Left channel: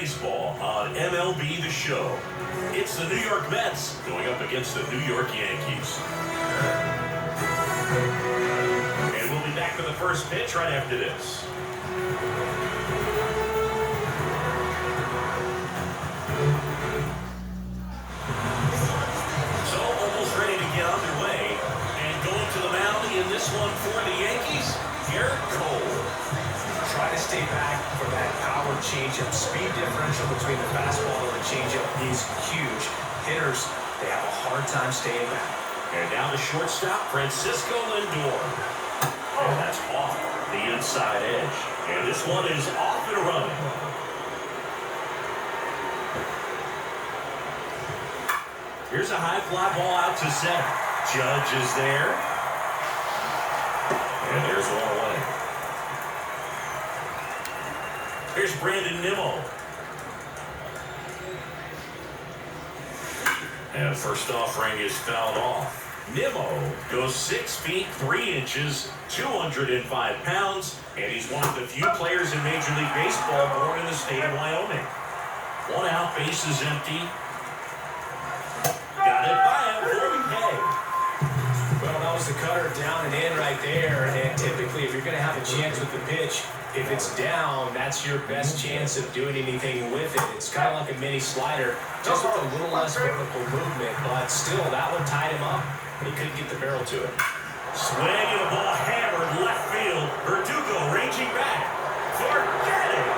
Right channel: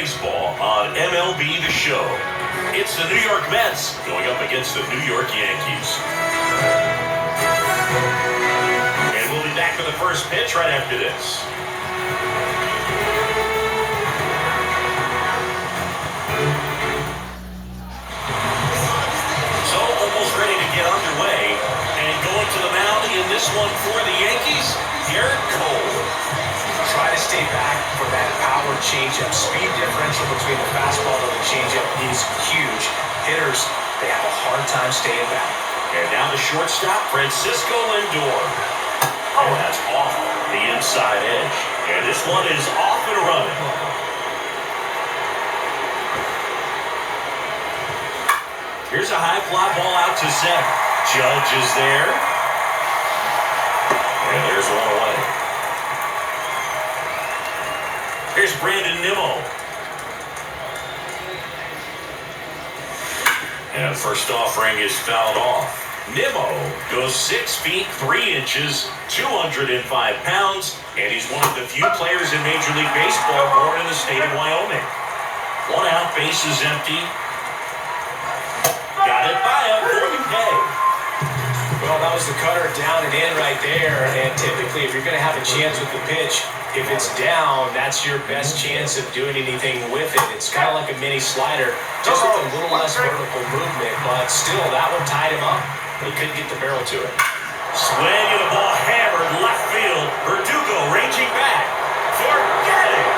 Baseball on MLB The Show. It's the New York Mets going up against the New York Yankees. And we'll be back with the first pitch right after this. So almost ready to get underway. And going to the mound in this one for the Yankees, Garrett Cole. Try to stay back for that power changeup. Speed differential between the fastball and the changeup is huge. Hitters, they have a hard time staying back. And now the shortstop, Francisco Lindor. And that's off the inside edge. And this one is off and running. Here's a high fly ball out to center. Judge is there. And there's one away. Here's Brandon Nimmo. And first offering is fouled off. Nimmo goes 6 feet 3 inches, 205 pounds, and he's one of the few players in Major League Baseball born in the state of Wyoming. 1 out, base is empty. Got it by him for the pay. Well, that was the cutter down and in right there. And typically, if you're going to have a chance with the pitch, if it's down, that's your best chance of doing anything with it. It's kind of like a mini slider, just with a little less vertical movement. But still, that one tied him up. He couldn't get the barrel to it. Swing and the ball hammered left field. Verdugo ranging back. Forget it.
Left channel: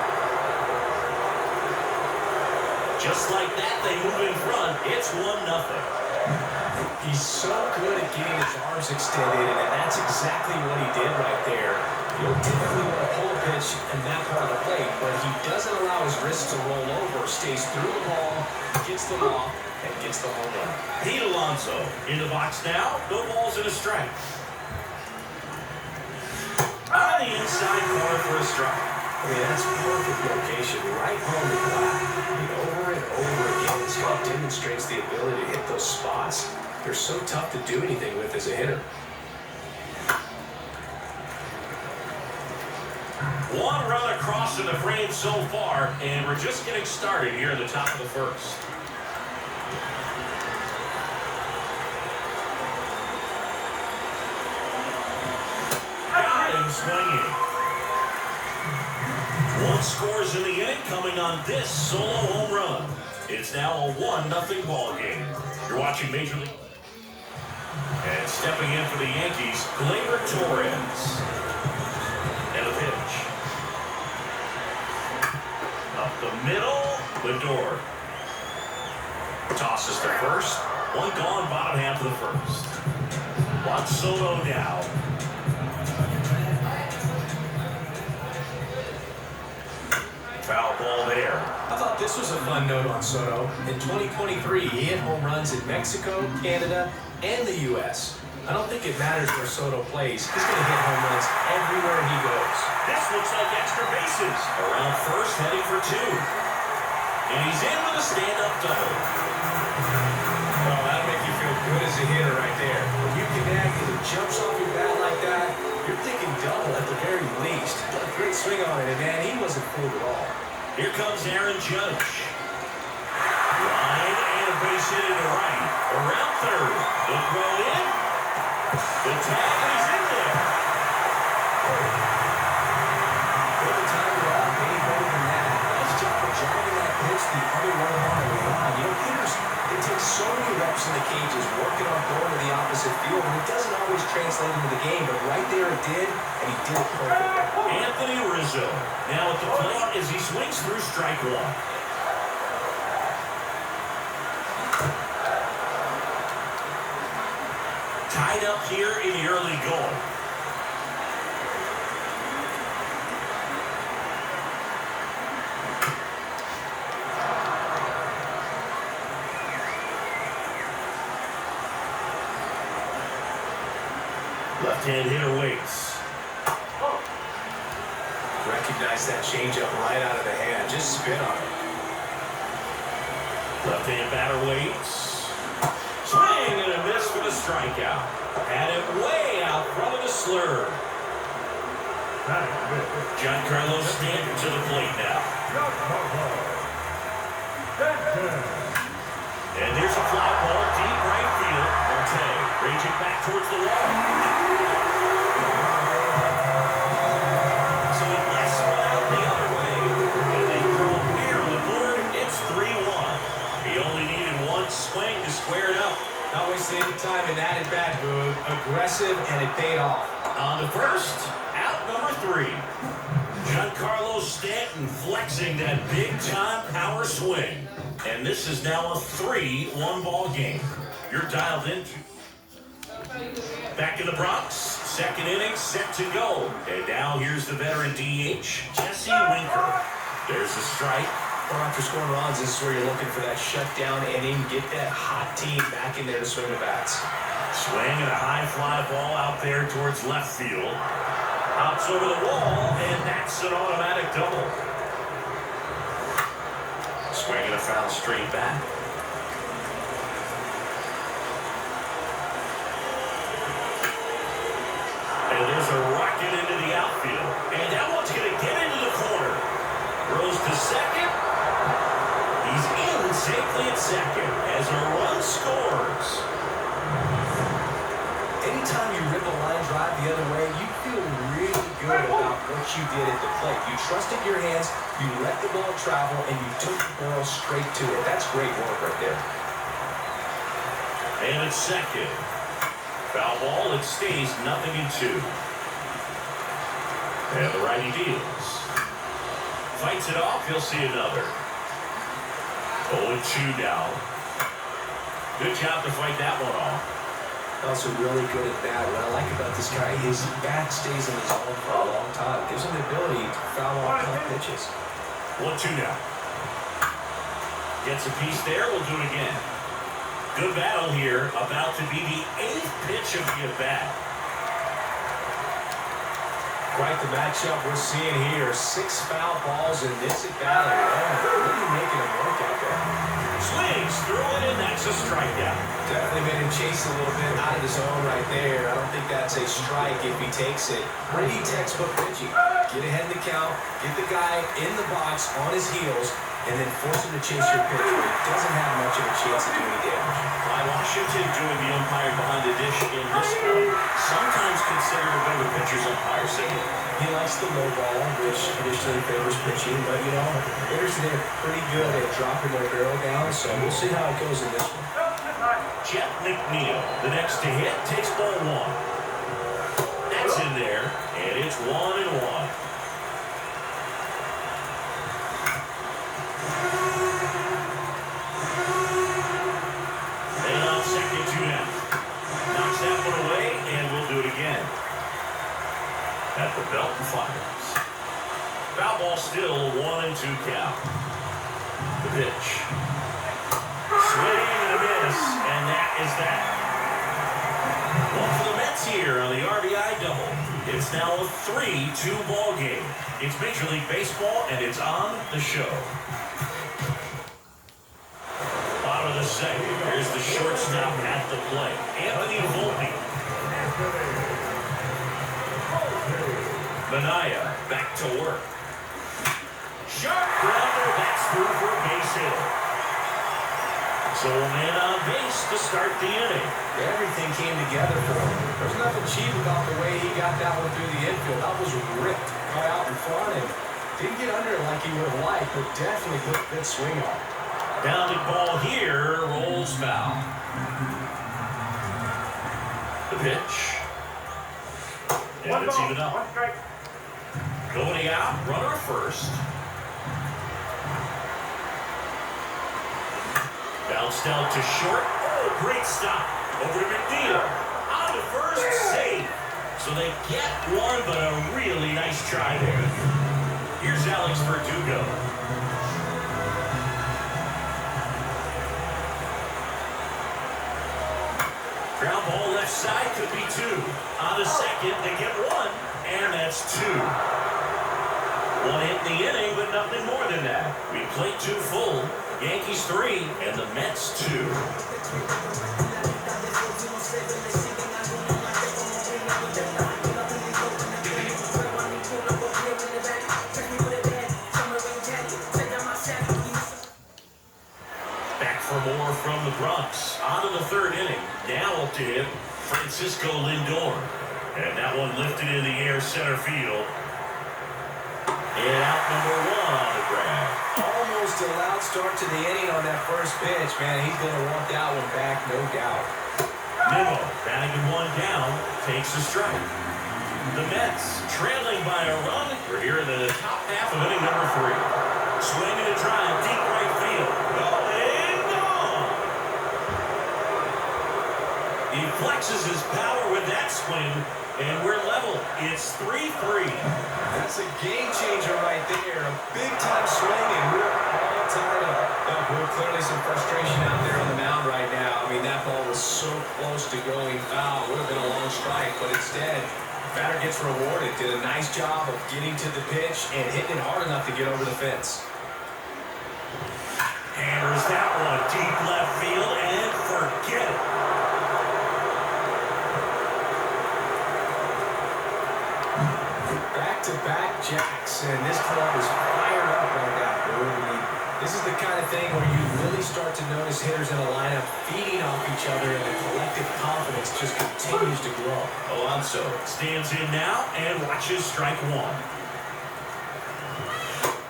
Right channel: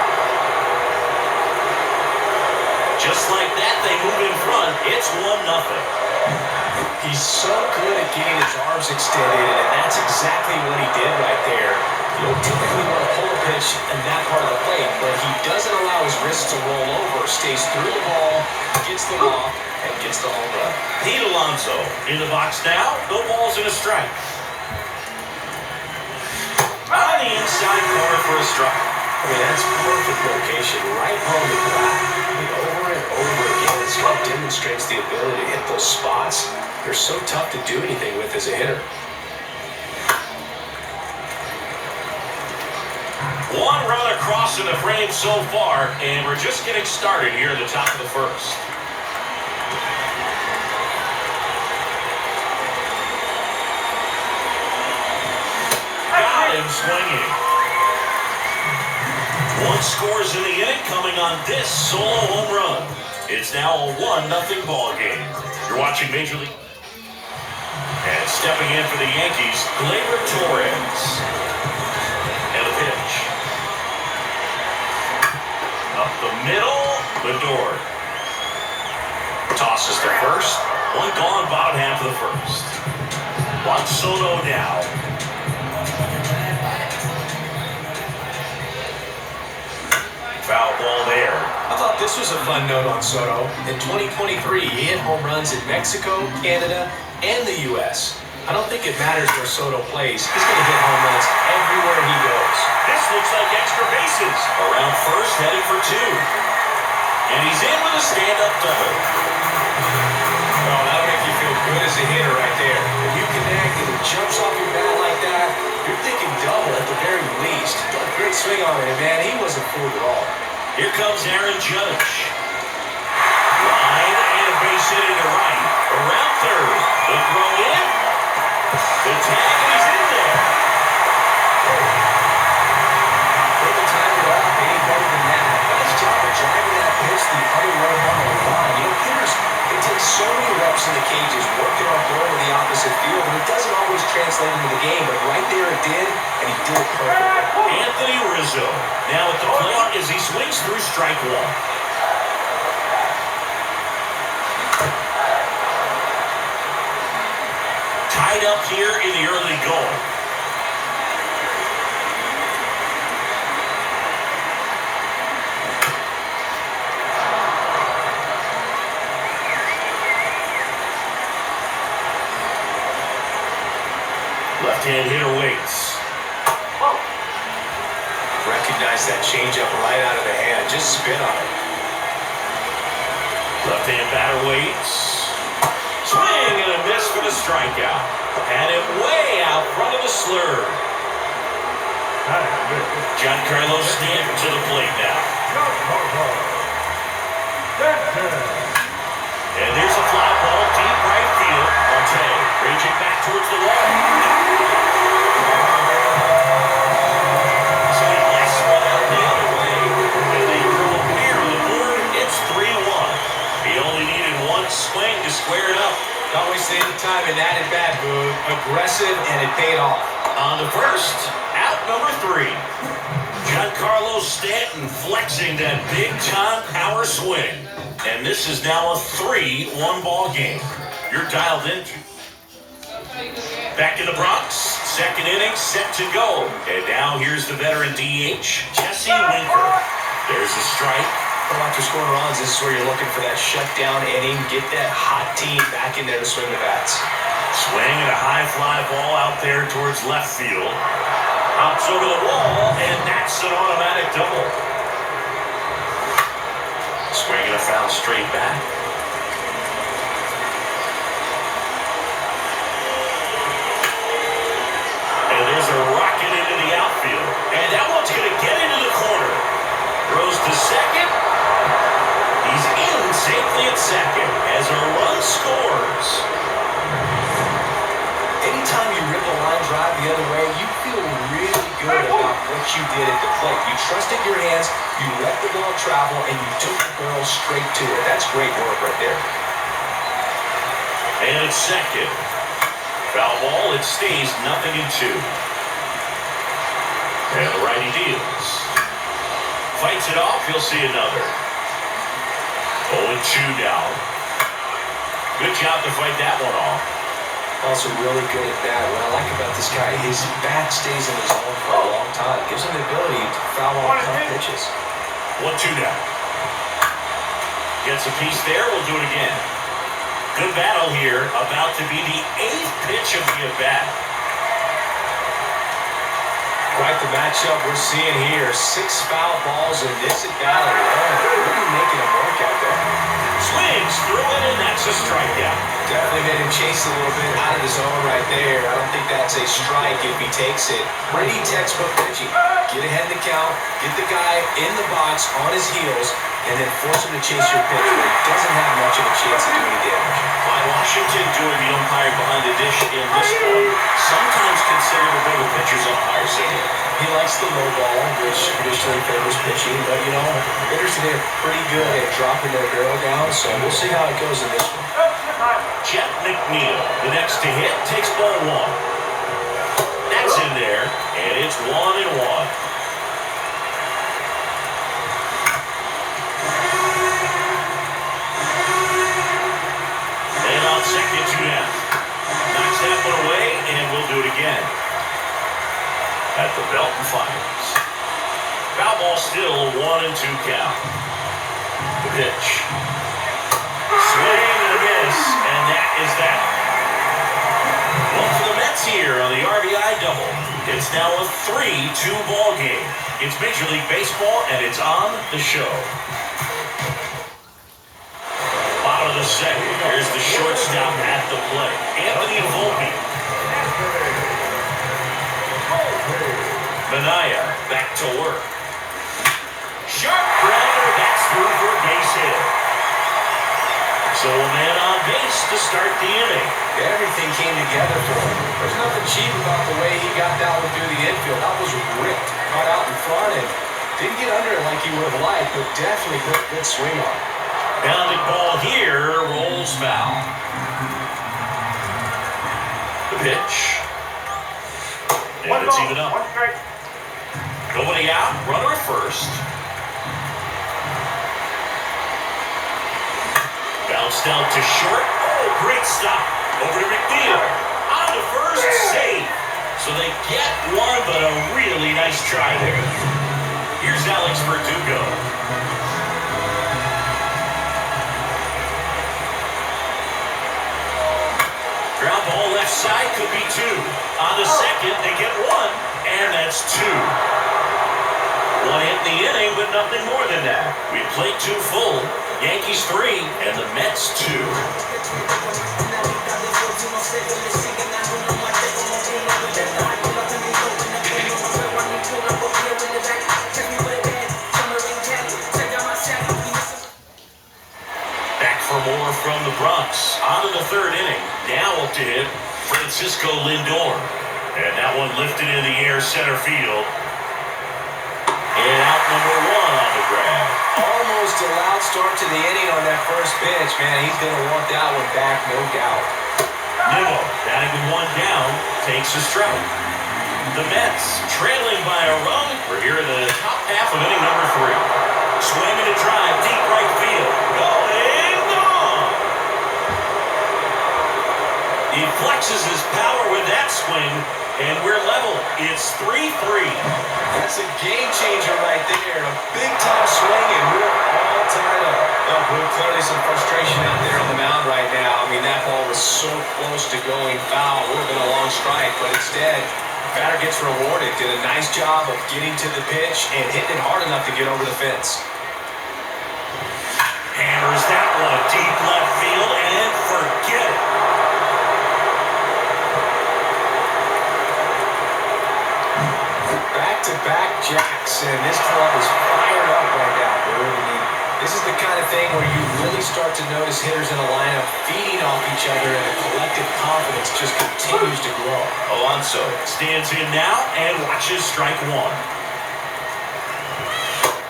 Just like that, they move in front. It's 1-0. He's so good at getting his arms extended, and that's exactly what he did right there. You don't typically want to pull a pitch in that part of the plate, but he doesn't allow his wrists to roll over, stays through the ball, gets them off, and gets the home run. Pete Alonso in the box now. No balls and a strike. On the inside corner for a strike. I mean, that's perfect location, right on the back. Over and over again, Scott demonstrates the ability to hit those spots. They're so tough to do anything with as a hitter. One run across in the frame so far, and we're just getting started here at the top of the first. Got him swinging. One scores in the inning coming on this solo home run. It's now a 1-0 ball game. You're watching Major League. And stepping in for the Yankees, Gleyber Torres. And the pitch. Up the middle, Lindor. Tosses to first. One gone, bottom half of the first. Juan Soto now. Foul ball there. I thought this was a fun note on Soto. In 2023, he hit home runs in Mexico, Canada, and the U.S. I don't think it matters where Soto plays. He's going to hit home runs everywhere he goes. This looks like extra bases. Around first, heading for 2. And he's in with a stand-up double. Well, that'll make you feel good as a hitter right there. When you connect and it jumps off your bat like that, you're thinking double at the very least. Got a great swing on it, man. He wasn't fooled at all. Here comes Aaron Judge. Line and a base hit into right. Around third. The throw in. The tag, and he's in there. Couldn't time it up any better than that. Nice job of driving that pitch the other way on the line. You know, hitters, they take so many reps in the cages, working on going to the opposite field, and it doesn't always translate into the game, but right there it did, and he did it perfectly. Anthony Rizzo now at the plate as he swings through strike 1. Tied up here in the early going. Left-hand hitter waits. Recognize that changeup right out of the hand. Just spit on it. Left-hand batter waits. Swing and a miss for the strikeout. Had it way out front of the slurve. Giancarlo Stanton to the plate now. towards the wall. So he lets one out the other way, and they throw a beer on the board. It's 3-1. He only needed one swing to square it up. Not wasting any time in that at-bat move. Aggressive, and it paid off. On to first, out number 3. Giancarlo Stanton flexing that big-time power swing. And this is now a 3-1 ball game. You're dialed into. Back in the Bronx, second inning set to go. And now here's the veteran DH, Jesse Winker. There's a strike. Well, after scoring runs, this is where you're looking for that shutdown inning. Get that hot team back in there to swing the bats. Swing and a high fly ball out there towards left field. Hops over the wall, and that's an automatic double. Swing and a foul straight back. And there's a rocket into the outfield. And that one's going to get into the corner. Throws to second. He's in safely at second as a run scores. Anytime you rip a line drive the other way, you feel really good about what you did at the plate. You trusted your hands, you let the ball travel, and you took the barrel straight to it. That's great work right there. And it's second. Foul ball, it stays 0-2. And the righty deals. Fights it off, he'll see another. 0-2 now. Good job to fight that one off. Also really good at bat. What I like about this guy, his bat stays in his zone for a long time. Gives him the ability to foul off tough pitches. 1-2 now. Gets a piece there, we'll do it again. Good battle here, about to be the 8th pitch of the at-bat. Quite the matchup we're seeing here. 6 foul balls in this at-bat alone. Really making him work out there. Swings through it, and that's a strikeout. Definitely made him chase a little bit out of the zone right there. I don't think that's a strike if he takes it. Pretty textbook pitching. Get ahead in the count, get the guy in the box on his heels, and then force him to chase your pitch where he doesn't have much of a chance to do any damage. By Washington doing the umpire behind the dish in this one, sometimes considered a bit of a pitcher's umpire signal. He likes the low ball, which traditionally favors pitching, but you know, hitters today are pretty good at dropping their barrel down, so we'll see how it goes in this one. Jet McNeil, the next to hit, takes ball 1. That's in there, and it's 1-1. And on second, 2 down. Knocks that one away, and we'll do it again. At the belt and fires. Foul ball still 1-2 count. The pitch. Swing and a miss, and that is that. One for the Mets here on the RBI double. It's now a 3-2 ball game. It's Major League Baseball, and it's on the show. Bottom of the second. Here's the shortstop at the plate. Anthony Volpe. Manaya back to work. Sharp grounder, that's through for a base hit. So a man on base to start the inning. Everything came together for him. There's nothing cheap about the way he got that one through the infield. That was ripped, caught out in front, and didn't get under it like he would have liked, but definitely put a good swing on it. Bounding ball here, rolls foul. The pitch. And it's even up. Nobody out, runner first. Bounced out to short. Oh, great stop. Over to McNeil. On to first, save. So they get one, but a really nice try there. Here's Alex Verdugo. Ground ball left side, could be 2. On the second, they get 1, and that's 2. 1 hit in the inning, but nothing more than that. We played 2 full. Yankees 3, and the Mets 2. Back for more from the Bronx. On to the third inning. Now up to hit Francisco Lindor. And that one lifted in the air center field. And out number one on the grab. Almost a loud start to the inning on that first pitch, man. He's going to want that one back, no doubt. Nimmo, batting with one down, takes a strike. The Mets, trailing by a run. We're here in the top half of inning number 3. Swinging a drive, deep right field. Going gone. He flexes his power with that swing, and we're level. It's 3-3. That's a game changer right there. A big-time swing, and we're all tied up. We're clearly some frustration out there on the mound right now. I mean, that ball was so close to going foul. Would have been a long strike, but instead, batter gets rewarded. Did a nice job of getting to the pitch and hitting it hard enough to get over the fence. Hammers that one deep left field, and forget it. Back-to-back jacks, and this club is fired up right now, dude. I mean, this is the kind of thing where you really start to notice hitters in a lineup feeding off each other, and the collective confidence just continues to grow. Alonso stands in now and watches strike one.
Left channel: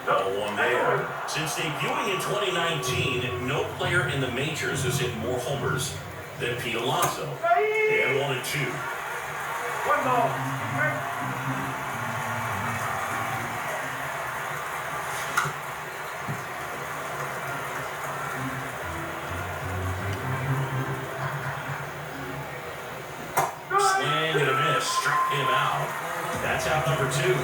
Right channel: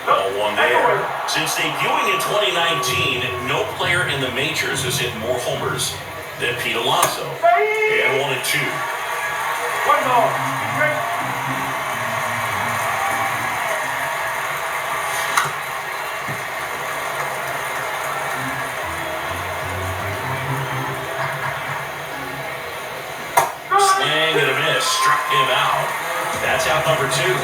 Ball one there. Since debuting in 2019, no player in the majors has hit more homers than Pete Alonso. And 1-2. One more. Swing and a miss. Struck him out. That's out number 2.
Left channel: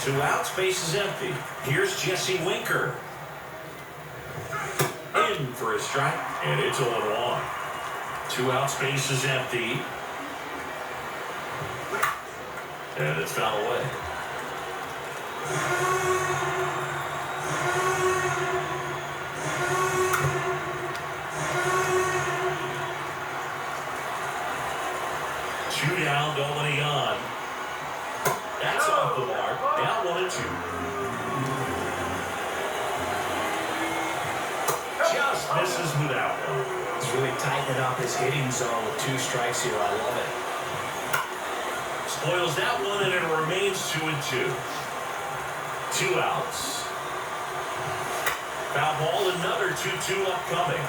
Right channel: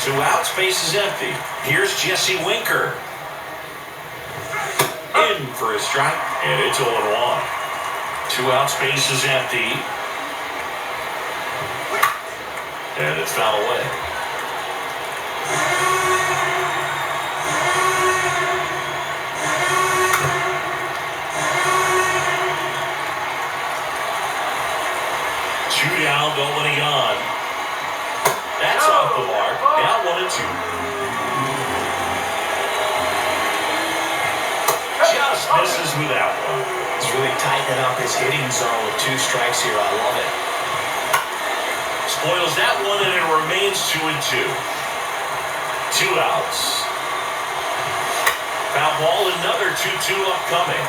2 outs, base is empty. Here's Jesse Winker. In for a strike, and it's 0-1. 2 outs, base is empty. And it's foul away. Two down, nobody on. That's off the mark. Now 1-2. Just misses with that one. He's really tightening up his hitting zone with 2 strikes here. I love it. Spoils that one, and it remains 2-2. 2 outs. Foul ball, another 2-2 upcoming.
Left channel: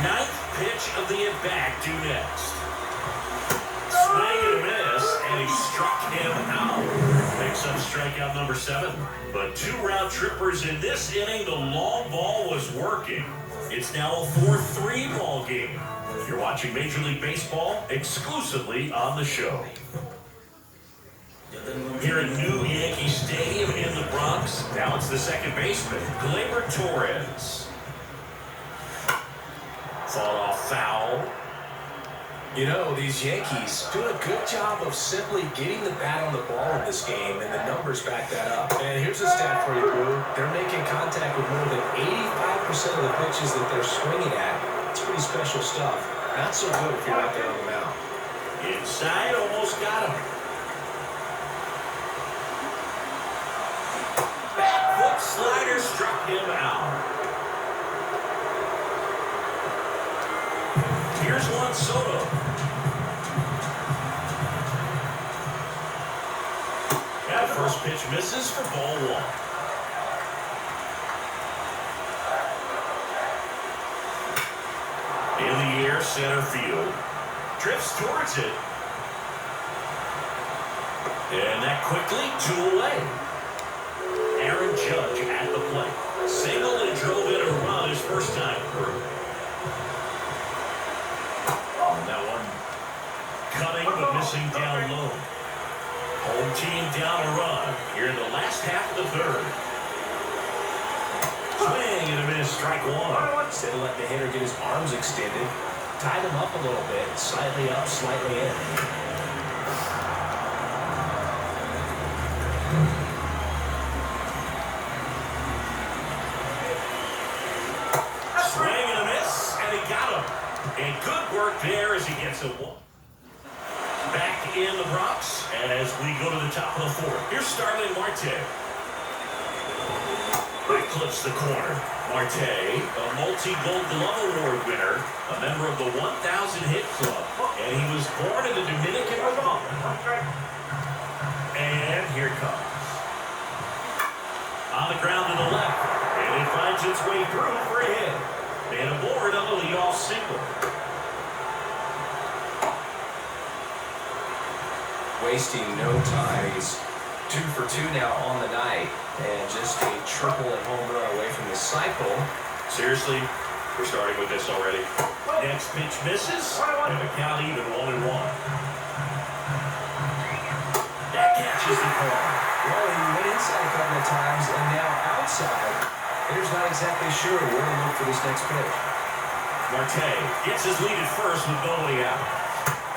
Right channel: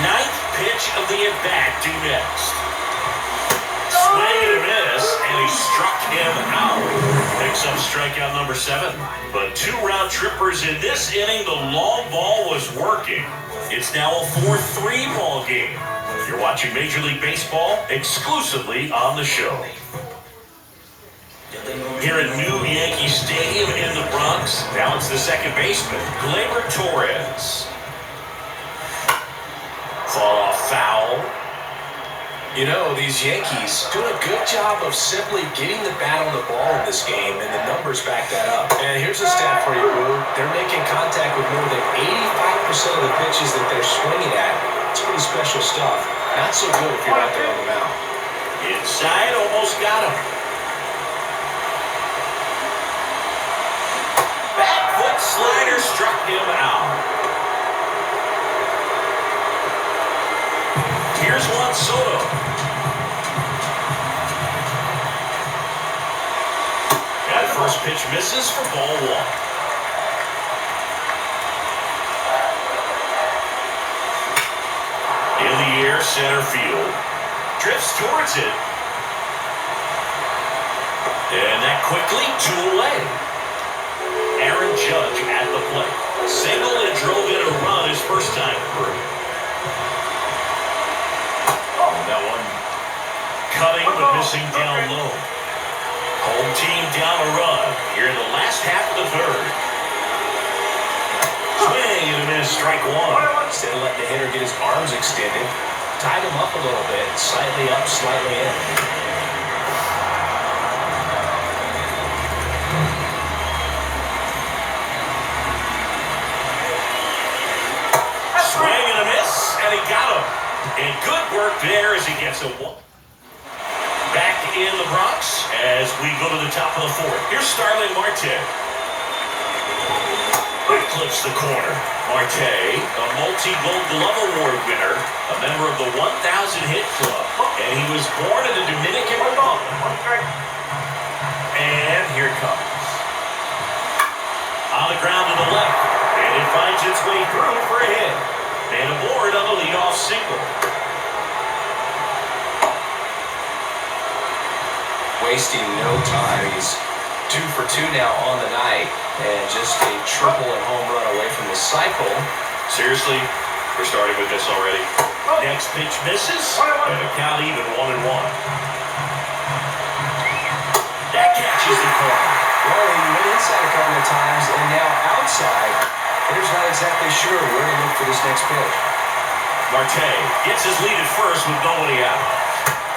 Ninth pitch of the at-bat due next. Swing and a miss, and he struck him out. Picks up strikeout number 7. But 2 round trippers in this inning. The long ball was working. It's now a 4-3 ball game. You're watching Major League Baseball exclusively on the show. Here at new Yankee Stadium in the Bronx, now it's the second baseman, Gleyber Torres. Fought off foul. You know, these Yankees doing a good job of simply getting the bat on the ball in this game, and the numbers back that up. And here's a stat for you, Boo. They're making contact with more than 85% of the pitches that they're swinging at. It's pretty special stuff. Not so good if you're not there on the mound. Inside, almost got him. Back foot slider struck him out. Here's Juan Soto. That first pitch misses for ball 1. In the air, center field. Drifts towards it. And that quickly 2 away. Aaron Judge at the plate. Single and drove in a run his first time through. That one cutting but missing down low. Home team down a run here in the last half of the 3rd. Swing and a miss, strike 1. Instead of letting the hitter get his arms extended, tied him up a little bit, slightly up, slightly in. Swing and a miss, and he got him. And good work there as he gets a 1. we go to the top of the fourth. Here's Starling Marte. That clips the corner. Marte, a multi-Gold Glove Award winner, a member of the 1,000 Hit Club, and he was born in the Dominican Republic. And here it comes. On the ground to the left, and it finds its way through for a hit. And aboard on the leadoff single. Wasting no time. He's 2 for 2 now on the night, and just a triple and home run away from the cycle. Seriously, we're starting with this already. Next pitch misses, and the count even 1-1. That catches the corner. Well, he went inside a couple of times, and now outside. Hitter's not exactly sure where to look for this next pitch. Marte gets his lead at first with nobody out.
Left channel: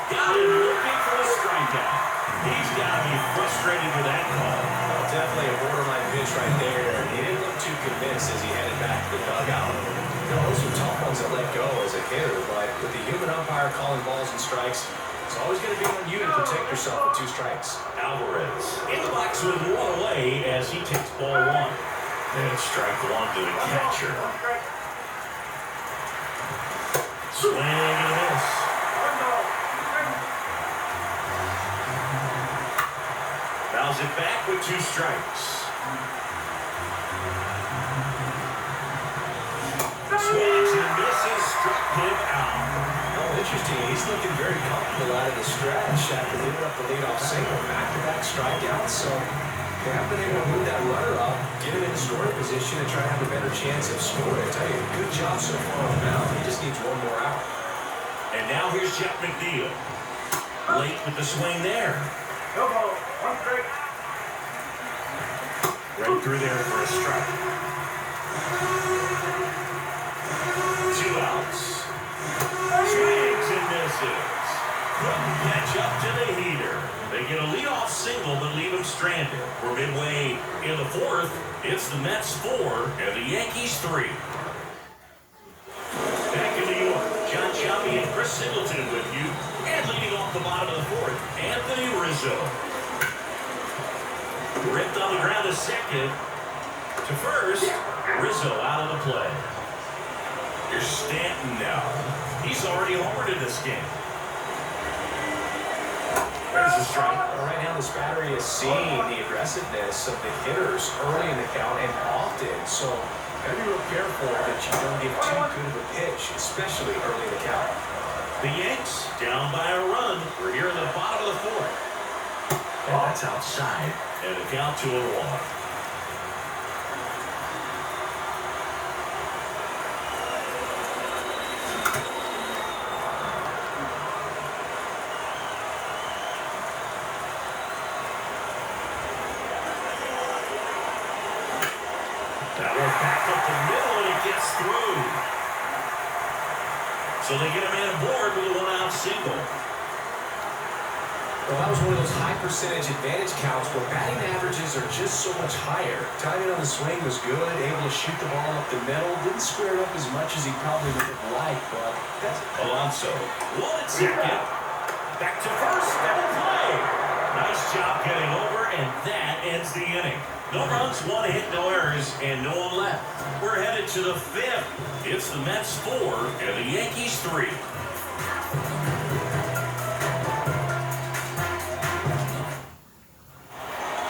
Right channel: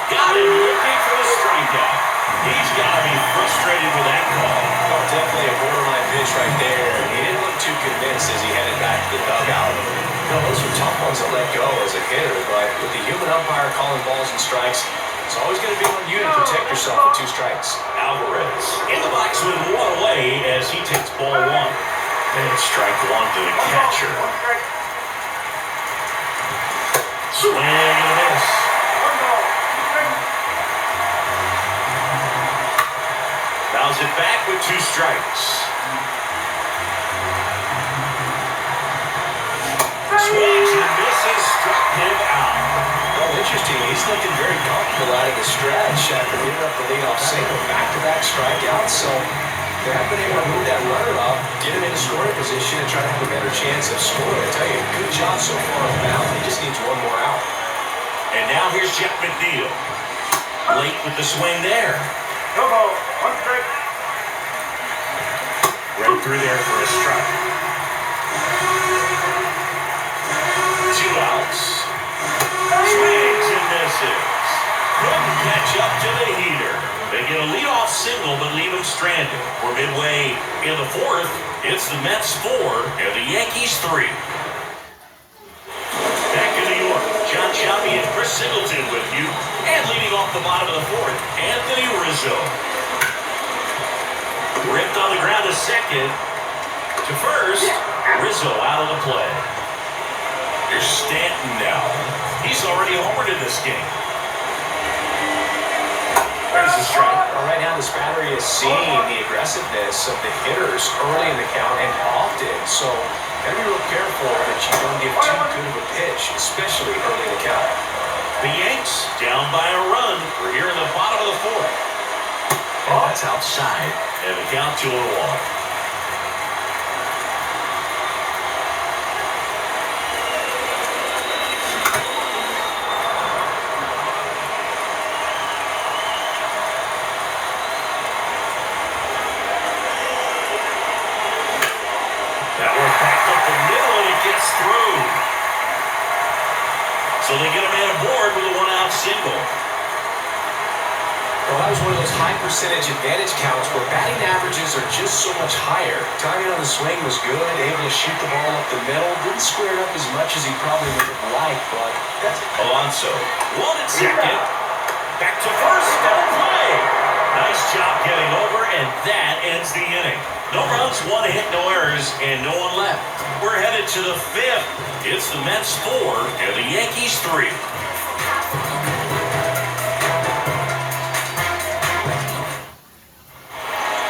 Got him looking for the strikeout. He's got to be frustrated with that call. Oh, definitely a borderline pitch right there. He didn't look too convinced as he headed back to the dugout. Those are tough ones to let go as a hitter, but with the human umpire calling balls and strikes, it's always going to be on you to protect yourself with 2 strikes. Alvarez in the box with 1 away as he takes ball 1. And strike 1 to the catcher. Swing and a miss. Fouls it back with 2 strikes. Swings and misses, struck him out. Oh, interesting. He's looking very comfortable out of the stretch after giving up the leadoff single. Back-to-back strikeouts, so they have been able to move that runner up, get him in a scoring position, and try to have a better chance of scoring. I tell you, good job so far on the mound. He just needs 1 more out. And now here's Jeff McNeil. Late with the swing there. No ball. 1 strike. Right through there for a strike. 2 outs. Swings and misses. Couldn't catch up to the heater. They get a leadoff single but leave him stranded. We're midway in the 4th. It's the Mets 4 and the Yankees 3. Back in New York, John Chappie and Chris Singleton with you. And leading off the bottom of the 4th, Anthony Rizzo. Ripped on the ground to second. To first, Rizzo out of the play. Here's Stanton now. He's already homered in this game. There's the strike. Well, right now, this battery is seeing the aggressiveness of the hitters early in the count and often. So, gotta be real careful that you don't give too good of a pitch, especially early in the count. The Yanks down by a run. We're here in the bottom of the 4th. And that's outside. And the count 2-1. That one backed up the middle and it gets through. So they get a man aboard with a 1-out single. Well, that was one of those high percentage advantage counts where batting averages are just so much higher. Timing on the swing was good, able to shoot the ball up the middle. Didn't square it up as much as he probably would have liked, but that's Alonso, 1 at second. Back to first, double play. Nice job getting over, and that ends the inning. No runs, 1 hit, no errors, and no one left. We're headed to the 5th. It's the Mets 4 and the Yankees 3.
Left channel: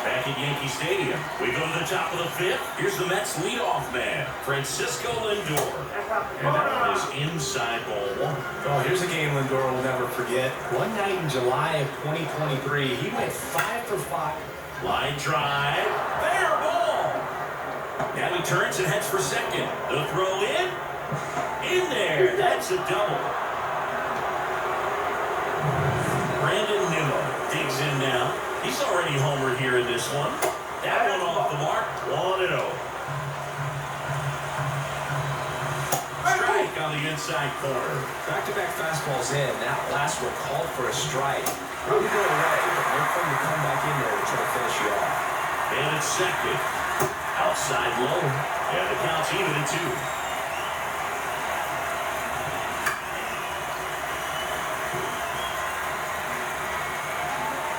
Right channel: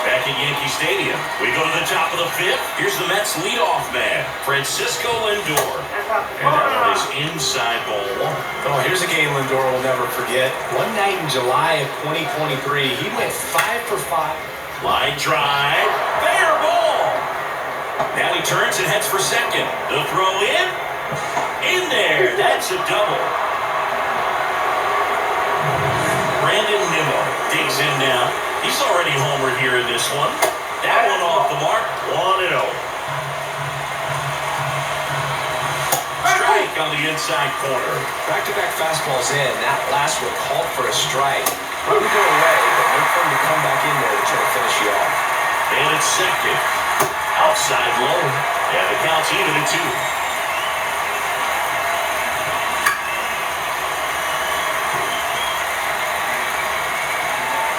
Back at Yankee Stadium, we go to the top of the 5th. Here's the Mets leadoff man, Francisco Lindor. And that one is inside ball 1. Oh, here's a game Lindor will never forget. One night in July of 2023, he went 5 for 5. Line drive, fair ball. Now he turns and heads for second. The throw in there. That's a double. Brandon Nimmo digs in now. He's already homered here in this one. That one off the mark, 1-0. Strike on the inside corner. Back-to-back fastballs in. That last one called for a strike. Probably go away, but look for him to come back in there to try to finish you off. And it's second. Outside low. And the count's even at 2.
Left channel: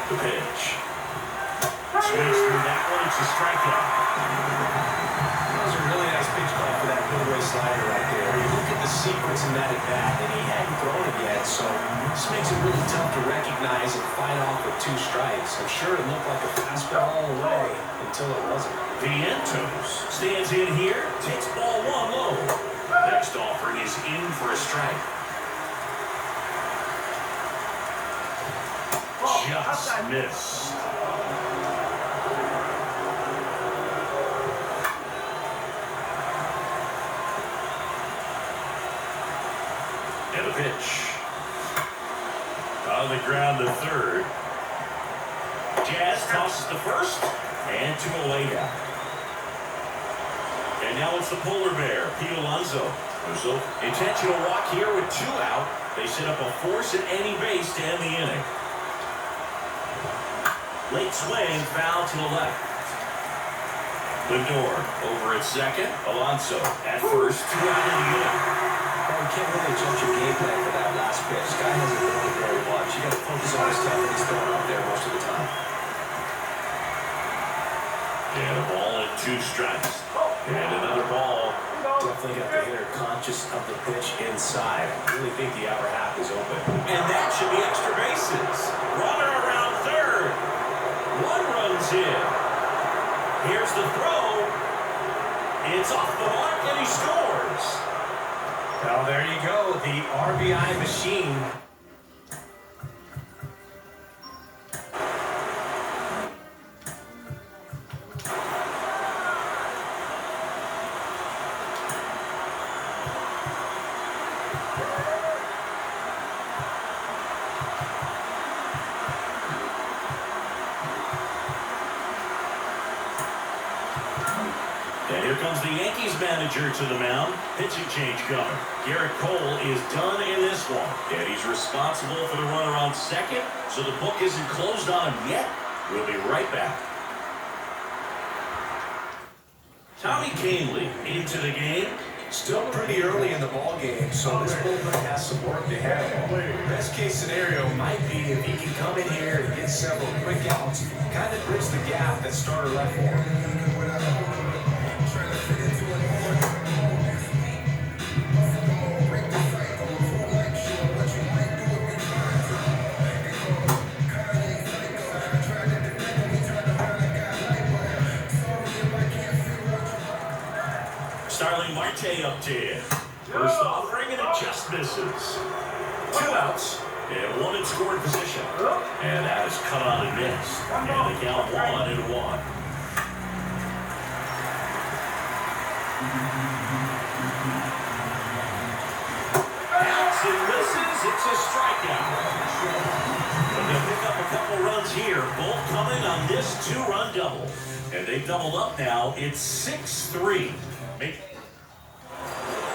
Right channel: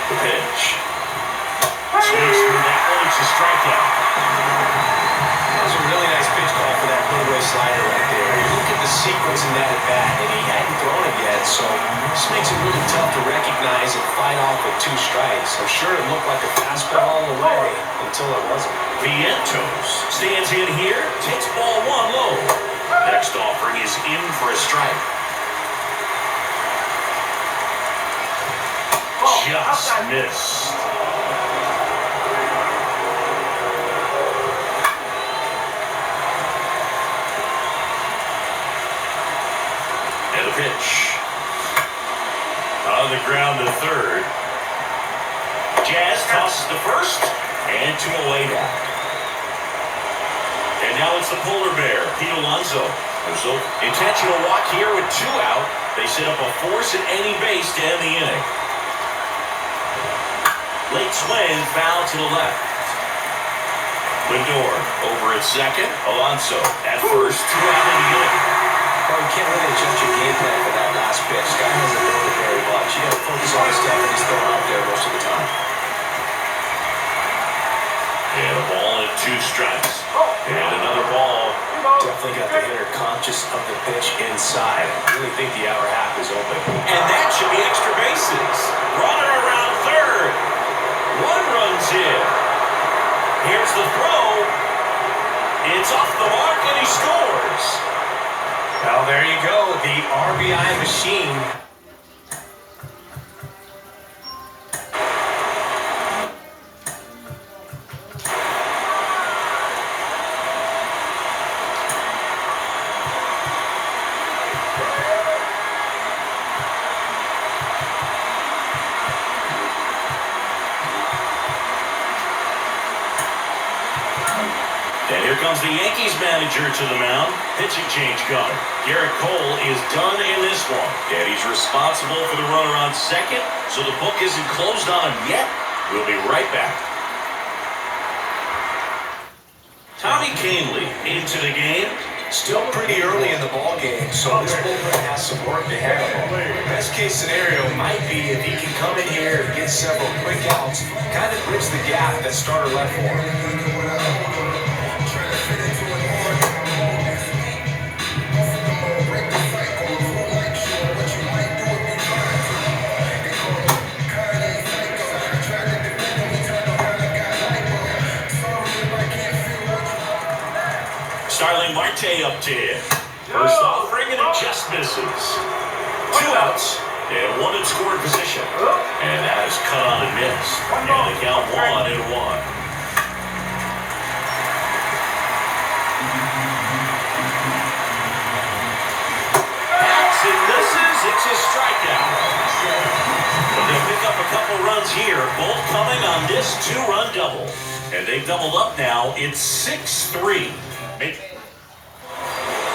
The pitch. Swings through that one. It's a strikeout. That was a really nice pitch call for that put-away slider right there. You look at the sequence in that at-bat, and he hadn't thrown it yet, so this makes it really tough to recognize and fight off with 2 strikes. I'm sure it looked like a fastball all the way until it wasn't. Vientos stands in here, takes ball 1 low. Next offering is in for a strike. Just missed. And a pitch. On the ground to third. Jazz tosses to first and to away now. And now it's the polar bear, Pete Alonso. There's no intentional walk here with 2 out. They set up a force at any base to end the inning. Late swing, foul to the left. Lindor over at second. Alonso at first. 2 out in the inning. Well, you can't really adjust your game plan for that last pitch. Guy hasn't thrown it very much. You got to focus on the stuff that he's throwing out there most of the time. And a ball and 2 strikes. And another ball. Definitely got the hitter conscious of the pitch inside. I really think the outer half is open. And that should be extra bases. Runner around third. 1 runs in. Here's the throw. It's off the mark and he scores. Well, there you go. The RBI machine. And here comes the Yankees manager to the mound. Pitching change coming. Garrett Cole is done in this one. And he's responsible for the runner on second, so the book isn't closed on him yet. We'll be right back. Tommy Kahnle into the game. Still pretty early in the ball game, so this bullpen has some work ahead of him. Best case scenario might be if he can come in here and get several quick outs, kind of bridge the gap that starter left for him. Starling Marte up to hit. First offering and it just misses. 2 outs and 1 in scoring position. And that is cut on and missed. And the count 1-1. Bats and misses. It's a strikeout. They're going to pick up a couple runs here. Both coming on this 2-run double. And they've doubled up now. It's 6-3.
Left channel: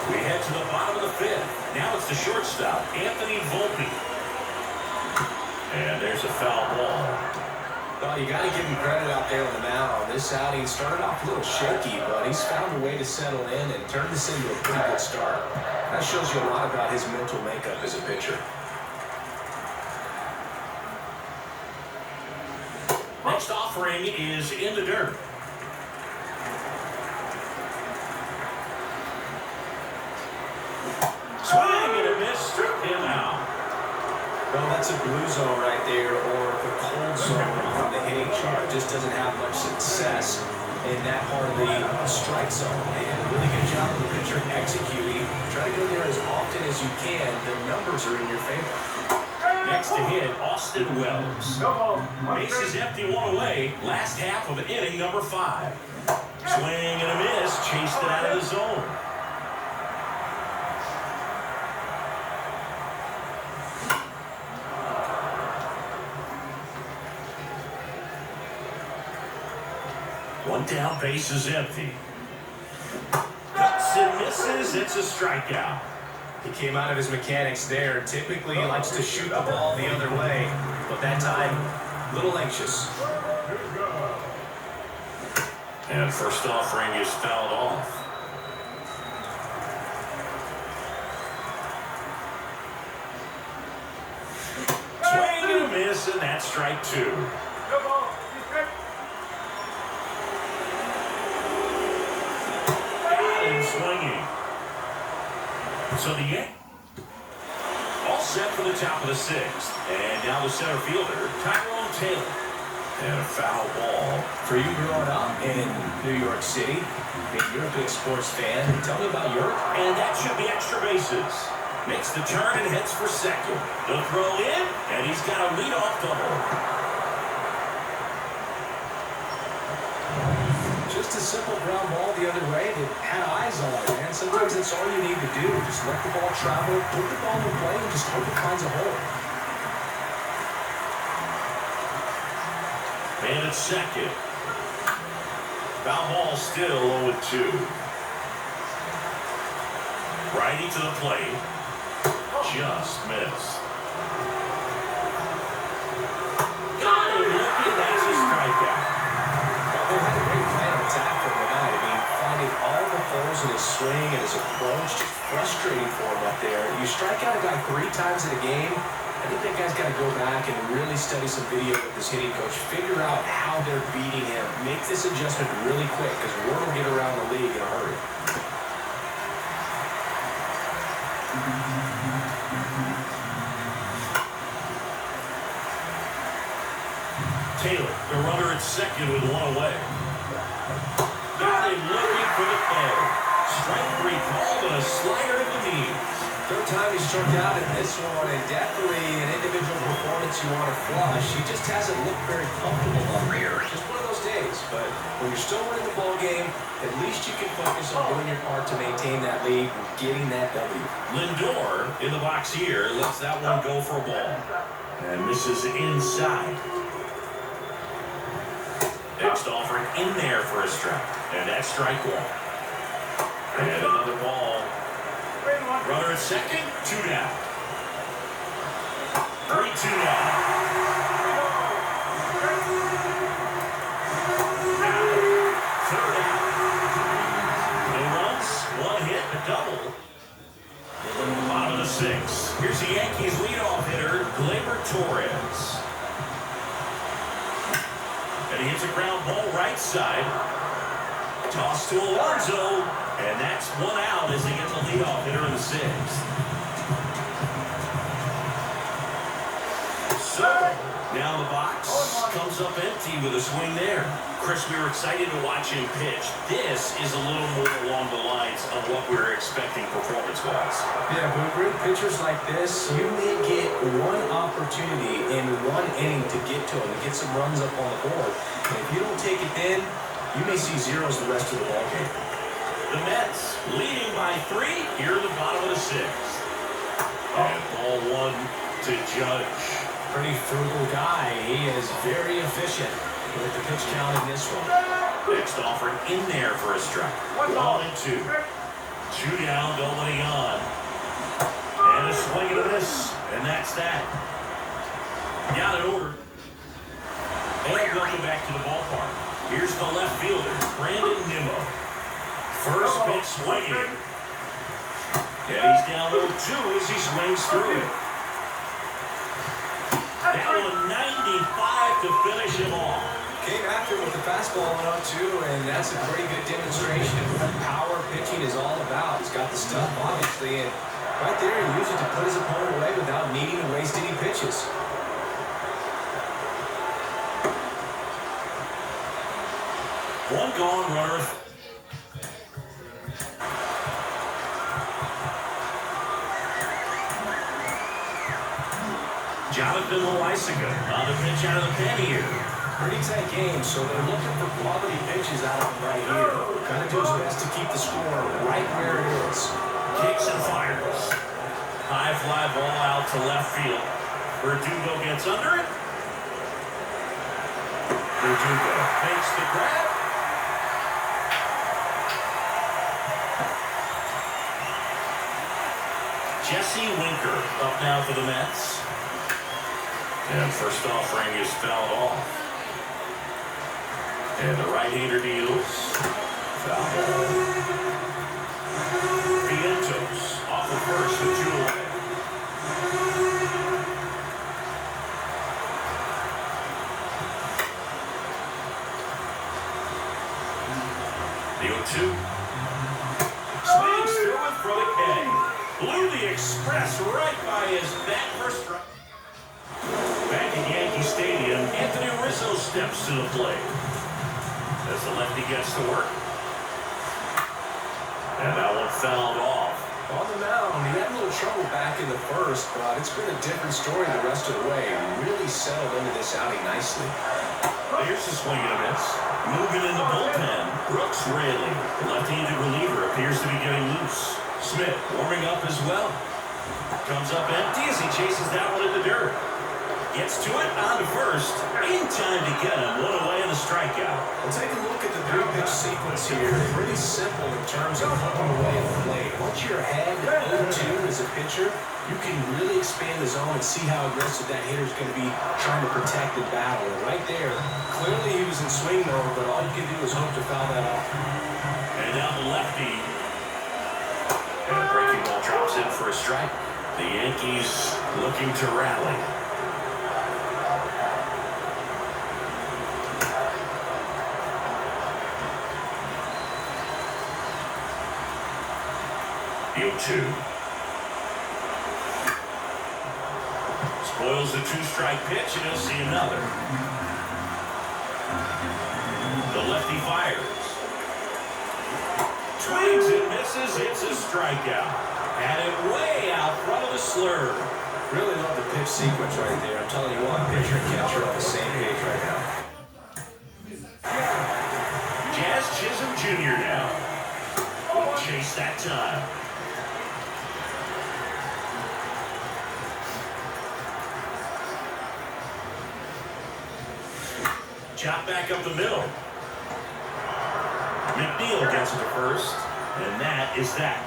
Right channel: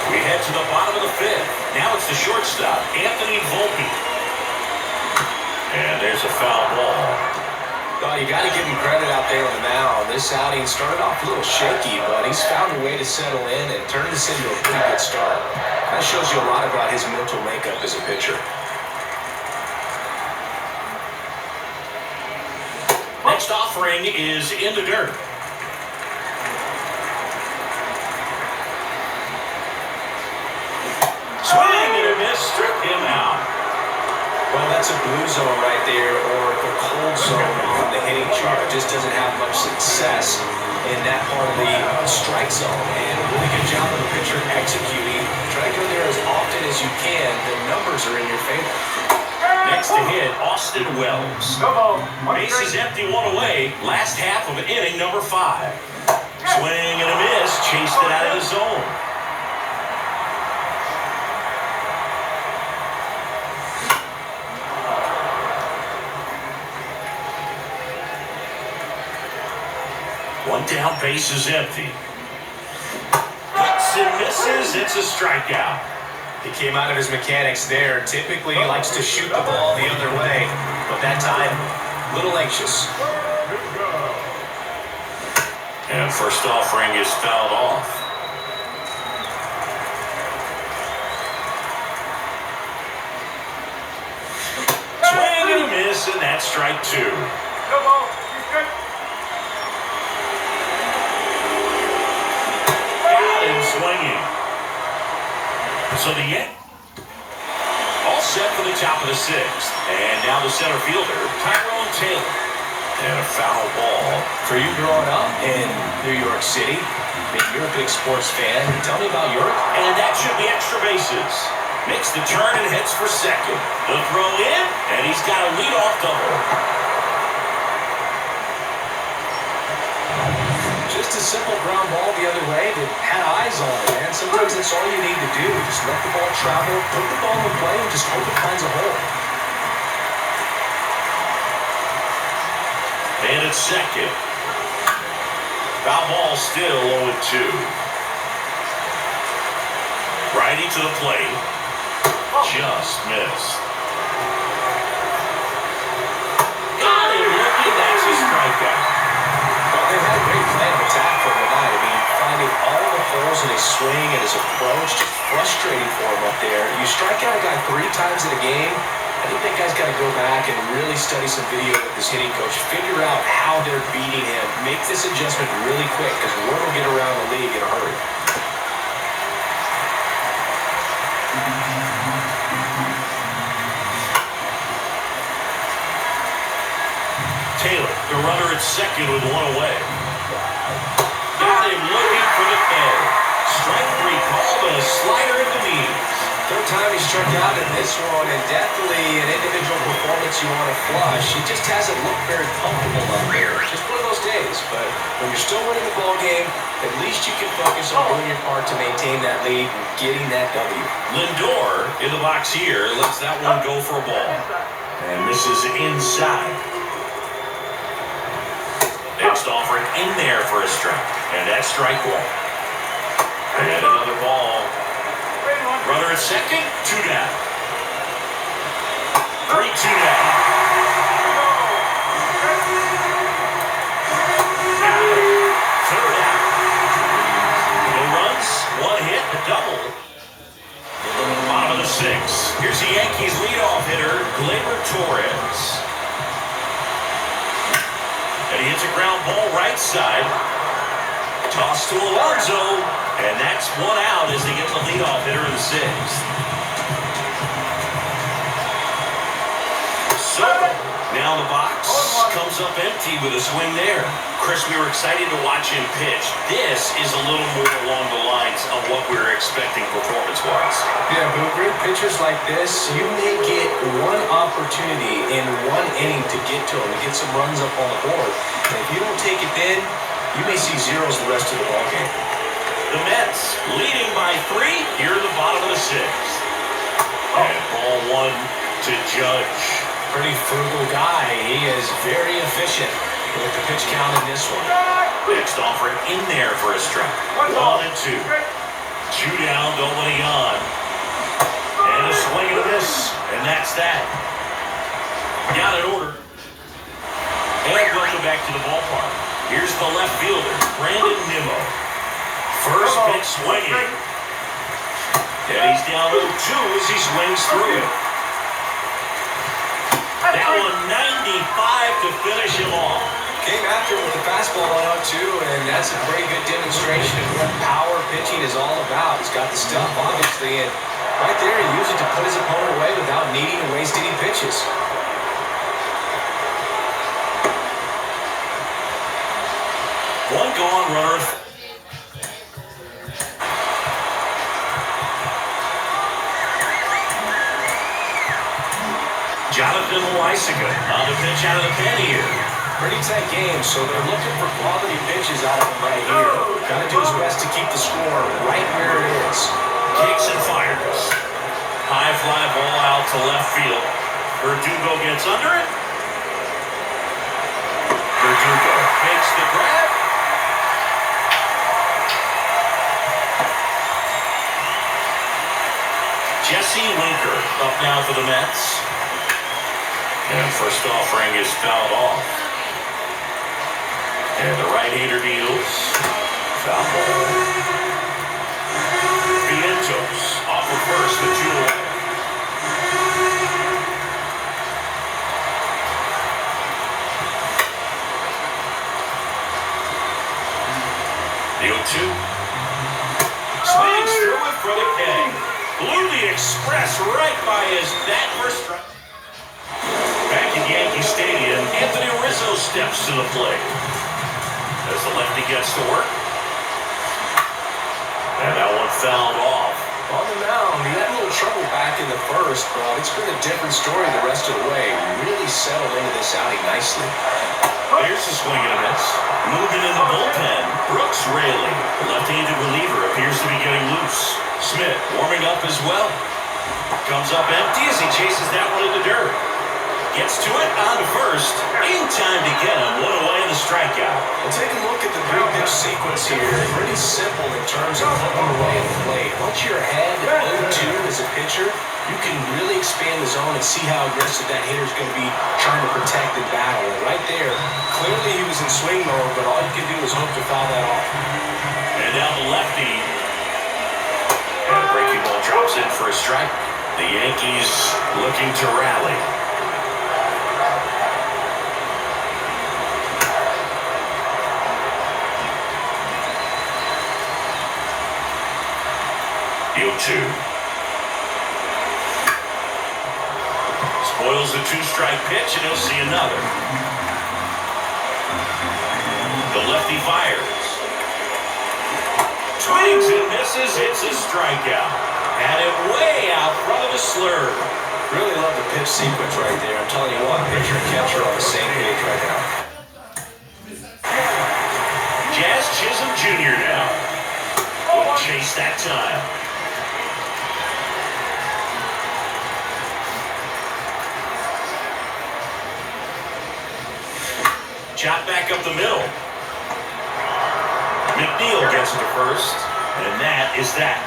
We head to the bottom of the 5th. Now it's the shortstop, Anthony Volpe. And there's a foul ball. Well, you got to give him credit out there on the mound. This outing started off a little shaky, but he's found a way to settle in and turn this into a pretty good start. That shows you a lot about his mental makeup as a pitcher. Next offering is in the dirt. Swing and a miss, struck him out. Well, that's a blue zone right there, or the cold zone on the hitting chart. Just doesn't have much success in that part of the strike zone. And really good job of the pitcher executing. Try to go there as often as you can. The numbers are in your favor. Next to hit, Austin Wells. Base is empty, 1 away. Last half of inning number 5. Swing and a miss, chased it out of the zone. One down, base is empty. Cuts and misses, it's a strikeout. He came out of his mechanics there. Typically, he likes to shoot the ball the other way, but that time, a little anxious. And first offering is fouled off. Swing and a miss, and that's strike 2. So the Yankees all set for the top of the sixth. And now the center fielder, Tyrone Taylor. And a foul ball. For you growing up in New York City, you're a big sports fan. Tell me about York. And that should be extra bases. Makes the turn and heads for second. The throw in, and he's got a leadoff double. Just a simple ground ball the other way that had eyes on it, man. Sometimes that's all you need to do. Just let the ball travel, put the ball in the play, and just hope it finds a hole. And it's second. Foul ball still 0-2. Righty to the plate. Just missed. Got him looking. That's a strikeout. Well, they had a great plan of attack for tonight. I mean, finding all the holes in his swing and his approach, just frustrating for him up there. You strike out a guy 3 times in a game, I think that guy's got to go back and really study some video with his hitting coach, figure out how they're beating him, make this adjustment really quick, because word will get around the league in a hurry. Taylor, the runner at second with 1 away. Got him looking for the K. Strike 3 called and a slider in the knees. Third time he struck out in this one, and definitely an individual performance you want to flush. It just hasn't looked very comfortable up here. Just one of those days, but when you're still winning the ball game, at least you can focus on doing your part to maintain that lead and getting that W. Lindor in the box here lets that one go for a ball. And this is inside. Next offering in there for a strike. And that's strike 1. And another ball. Runner at second, 2 down. 3-2 down. Third out. No runs, 1 hit, a double. Bottom of the 6th. Here's the Yankees leadoff hitter, Gleyber Torres. And he hits a ground ball right side. Toss to Alonso. And that's 1 out as they get the leadoff hitter in the 6th. So, now the box comes up empty with a swing there. Chris, we were excited to watch him pitch. This is a little more along the lines of what we were expecting performance-wise. Yeah, but with great pitchers like this, you may get 1 opportunity in 1 inning to get to him, to get some runs up on the board. And if you don't take it then, you may see zeros the rest of the ballgame. The Mets leading by 3 here in the bottom of the 6th. And ball 1 to Judge. Pretty frugal guy. He is very efficient with the pitch count in this one. Next offering in there for a strike. 1 and 2. 2 down, nobody on. And a swing and a miss. And that's that. Got it ordered. And welcome back to the ballpark. Here's the left fielder, Brandon Nimmo. First pitch swinging. And he's down 0-2 as he swings through it. That one 95 to finish him off. Came after with the fastball on 0-2, and that's a very good demonstration of what power pitching is all about. He's got the stuff, obviously, and right there he used it to put his opponent away without needing to waste any pitches. One gone, runner. Jonathan Loaisiga on the pitch out of the pen here. Pretty tight game, so they're looking for quality pitches out of him right here. Got to do his best to keep the score right where it is. Kicks and fires. High fly ball out to left field. Verdugo gets under it. Verdugo makes the grab. Jesse Winker up now for the Mets. And first offering is fouled off. And the right-hander deals. Foul ball. Vientos off of first with 2 away. The 0-2. Swings through it for the K. Blue express right by his bat for strike. Back in Yankee Stadium, Anthony Rizzo steps to the plate as the lefty gets to work. And that one fouled off. On the mound, he had a little trouble back in the first, but it's been a different story the rest of the way. Really settled into this outing nicely. Here's a swing and a miss. Moving in the bullpen, Brooks Raley, the left-handed reliever, appears to be getting loose. Smith warming up as well. Comes up empty as he chases that one in the dirt. Gets to it on to first. In time to get him. One away in the strikeout. Well, take a look at the three-pitch sequence here. Pretty simple in terms of putting away at the plate. Once you're ahead 0-2 as a pitcher, you can really expand the zone and see how aggressive that hitter is going to be trying to protect the battle. And right there, clearly he was in swing mode, but all you can do is hope to foul that off. And now the lefty. And a breaking ball drops in for a strike. The Yankees looking to rally. 0-2. Spoils the two-strike pitch, and he'll see another. The lefty fires. Swings and misses. It's a strikeout. Had it way out front of the slurve. Really love the pitch sequence right there. I'm telling you what, pitcher and catcher on the same page right now. Jazz Chisholm Jr. now. Will chase that time. Chop back up the middle. McNeil gets it to first, and that is that.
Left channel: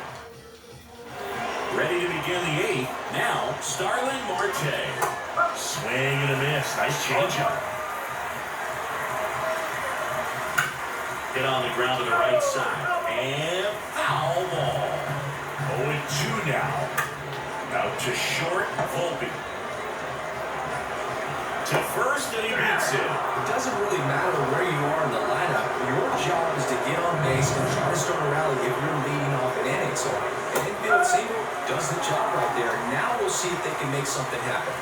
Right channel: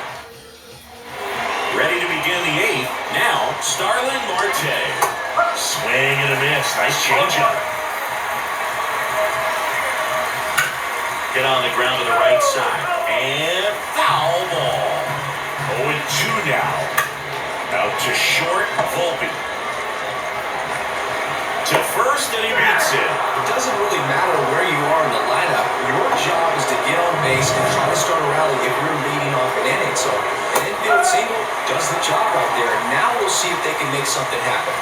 Ready to begin the eighth. Now, Starling Marte. Swing and a miss. Nice changeup. Hit on the ground to the right side. And foul ball. 0-2 now. Out to short, Volpe. To first, and he beats it. It doesn't really matter where you are in the lineup. Your job is to get on base and try to start a rally if you're leading off an inning. So an infield single does the job right there. Now we'll see if they can make something happen.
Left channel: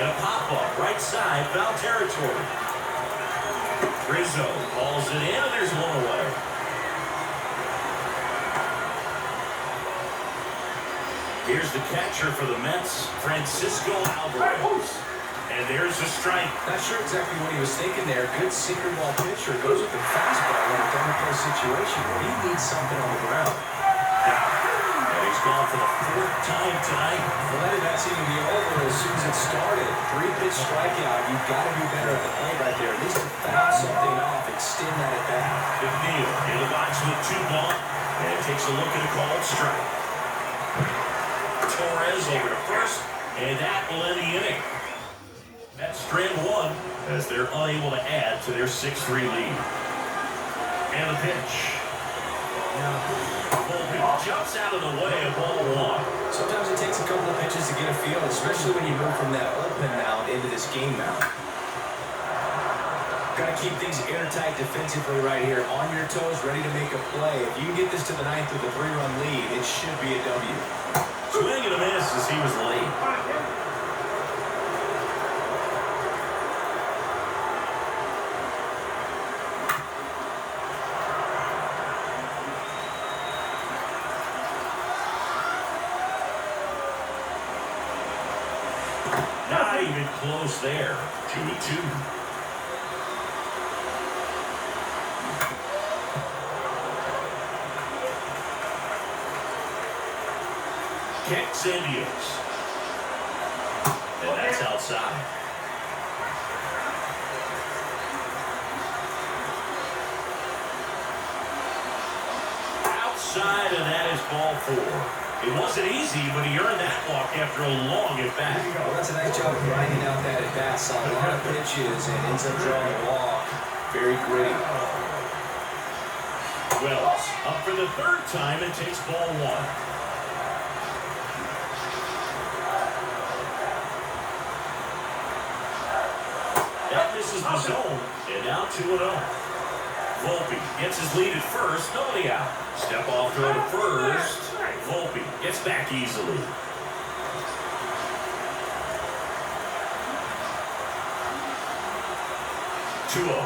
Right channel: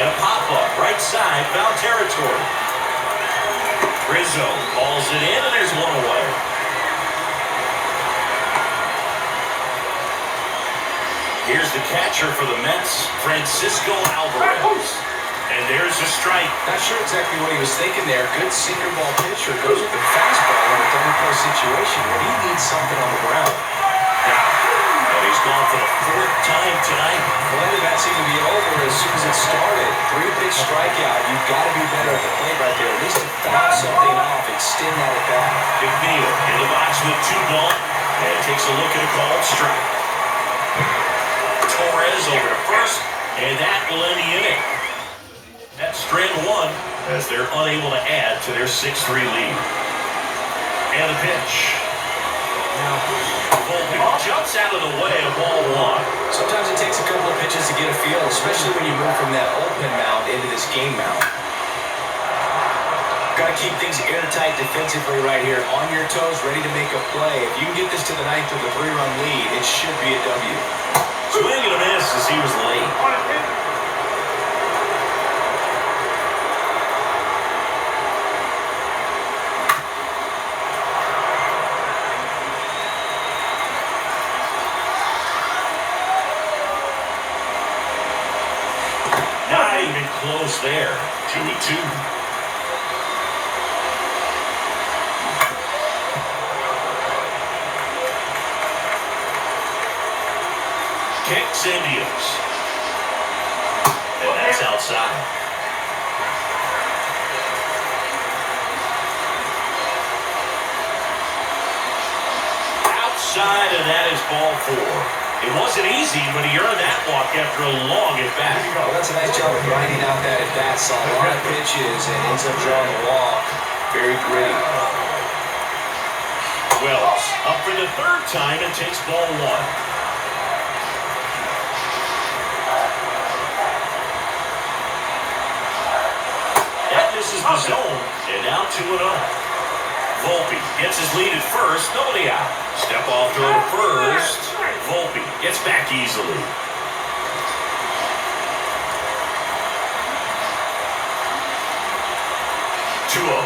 And a pop-up, right side, foul territory. Rizzo calls it in, and there's one away. Here's the catcher for the Mets, Francisco Alvarez. And there's a strike. Not sure exactly what he was thinking there. Good sinker ball pitcher. Goes with the fastball in a double play situation where he needs something on the ground. And he's gone for the fourth time tonight. Well, that did not seem to be over as soon as it started. 3-pitch strikeout. You've got to be better at the plate right there. At least to foul something off, extend that at bat. McNeil in the box with 2 gone. And takes a look at a called strike. Torres over to first, and that will end the inning. That's strand 1 as they're unable to add to their 6-3 lead. And the pitch. Volpe jumps out of the way of ball 1. Sometimes it takes a couple of pitches to get a feel, especially when you move from that open mound into this game mound. Got to keep things airtight defensively right here. On your toes, ready to make a play. If you can get this to the 9th with a 3-run lead, it should be a W. Swing and a miss as he was late. Not even close there. 2-2. Kicks Indians. And that's outside. Outside, and that is ball 4. It wasn't easy, but he earned that walk after a long at-bat. Well, that's a nice job of grinding out that at-bat. Saw a lot of pitches and ends up drawing a walk. Very gritty. Wells up for the 3rd time and takes ball 1. This is the zone, and now 2-0. Volpe gets his lead at first. Nobody out. Step off throw to first. Volpe gets back easily. 2-0.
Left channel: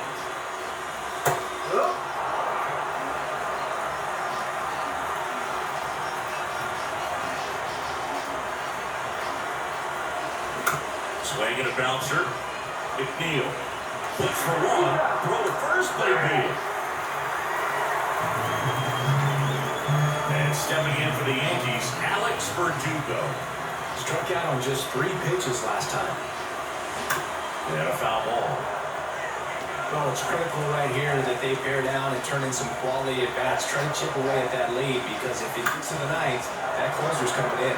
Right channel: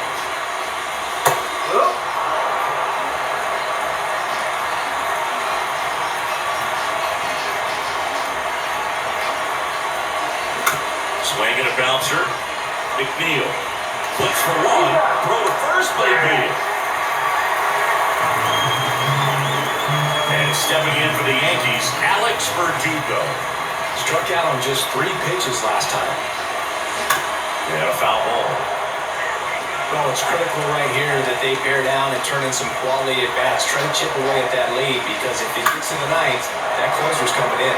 Swing and a bouncer. McNeil flips for one. Throw to first, but he beat it. And stepping in for the Yankees, Alex Verdugo. Struck out on just 3 pitches last time. And a foul ball. Well, it's critical right here that they bear down and turn in some quality at bats. Try to chip away at that lead, because if it gets in the ninth, that closer's coming in.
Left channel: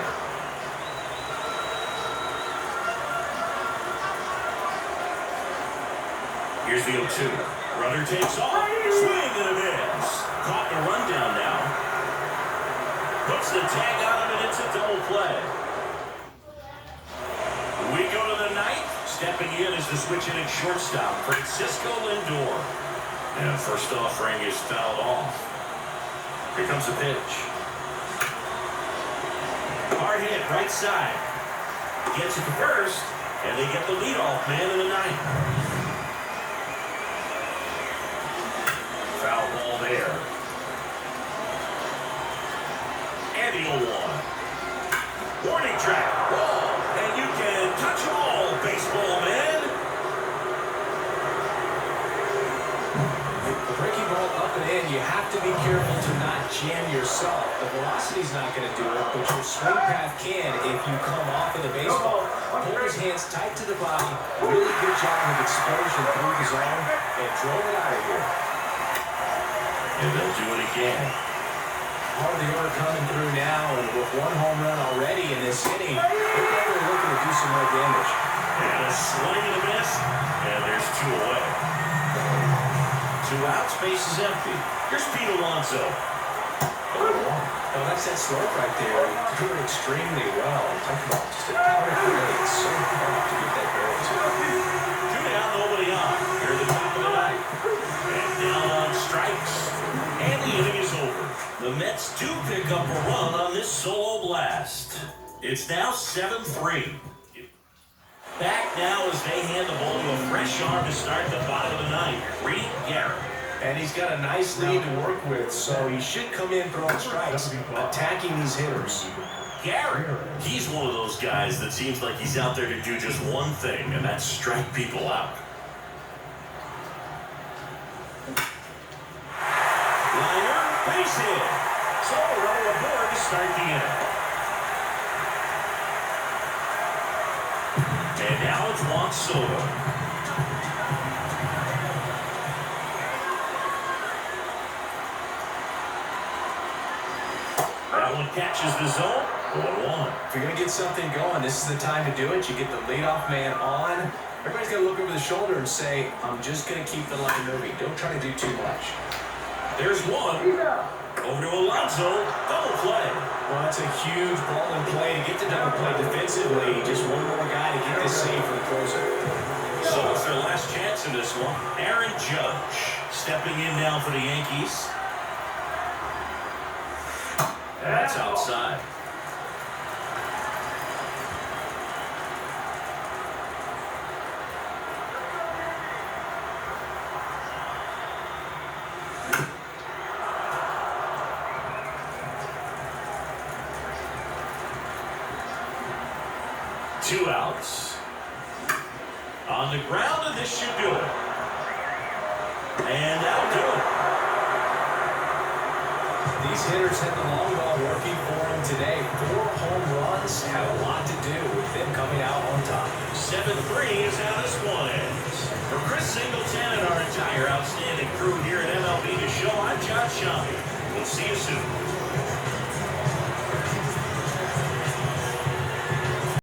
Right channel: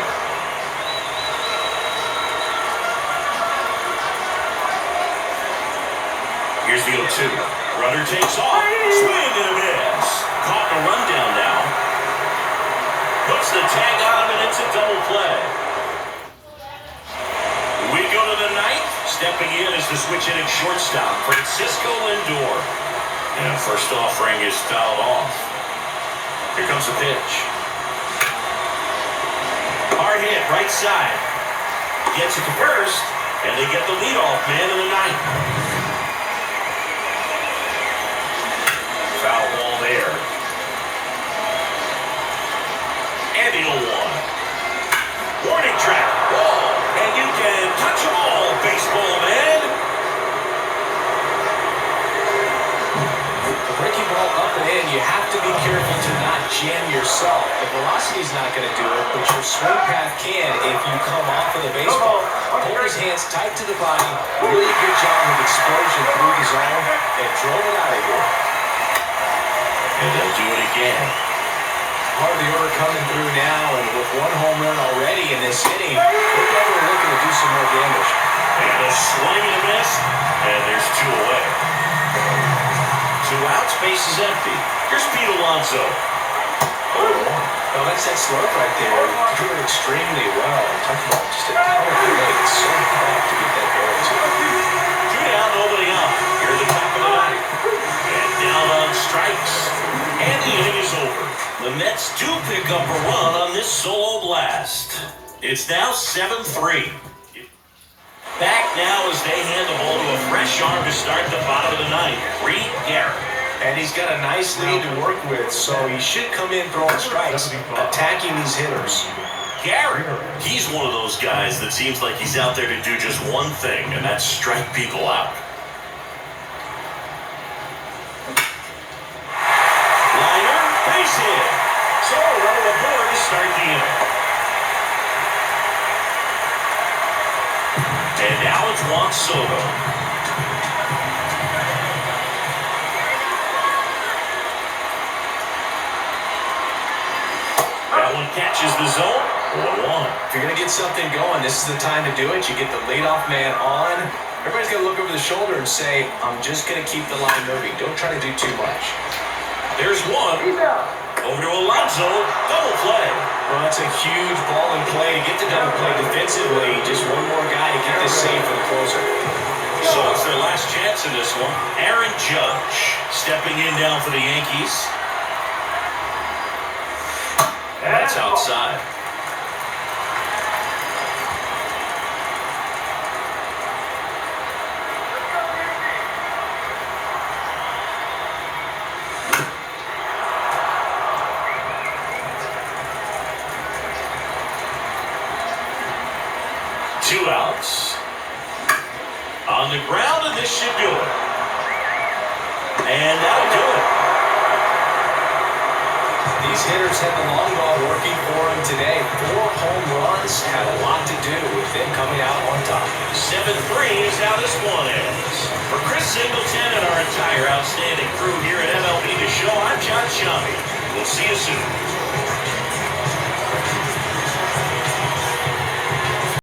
Here's the 0-2. Runner takes off. Swing and a miss. Caught in a rundown now. Puts the tag on him, and it's a double play. We go to the ninth. Stepping in is the switch-hitting shortstop, Francisco Lindor. And first offering is fouled off. Here comes the pitch. Hard hit, right side. Gets it to first, and they get the leadoff man in the ninth. Foul ball there. And the 0-1. Warning track. Ball. And you can touch them all, baseball man. The breaking ball up and in, you have to be careful to not jam yourself. The velocity's not going to do it, but your swing path can if you come off of the baseball. Hold his hands tight to the body. Really good job of explosion through the zone and drove it out of here. And they'll do it again. Part of the order coming through now, and with 1 home run already in this inning, they're definitely looking to do some more damage. And a swing and a miss, and there's 2 away. 2 outs, base is empty. Here's Pete Alonso. Well, that's that slurp right there. Drew it extremely well. Talk about just a power play. It's so hard to get that barrel to. 2 down, nobody out. Here at the top of the ninth. And down on strikes. And the inning is over. The Mets do pick up a run on this solo blast. It's now 7-3. Back now as they hand the ball to a fresh arm to start the bottom of the ninth, Reed Garrett. And he's got a nice lead to work with, so he should come in throwing strikes, attacking these hitters. Garrett, he's one of those guys that seems like he's out there to do just one thing, and that's strike people out. Liner, base hit. So, runner aboard to start the inning. And now it's Juan Soto. That one catches the zone. 1-1. If you're going to get something going, this is the time to do it. You get the leadoff man on. Everybody's going to look over the shoulder and say, I'm just going to keep the line moving. Don't try to do too much. There's one. Over to Alonso. Double play. Well, that's a huge ball in play to get the double play defensively. Just one more guy to get this save for the closer. So it's their last chance in this one. Aaron Judge stepping in down for the Yankees. That's outside. Two outs. On the ground, and this should do it. And that'll do it. These hitters had the long ball working for them today. 4 home runs had a lot to do with them coming out on top. 7-3 is how this one ends. For Chris Singleton and our entire outstanding crew here at MLB The Show, I'm John Shammy. We'll see you soon.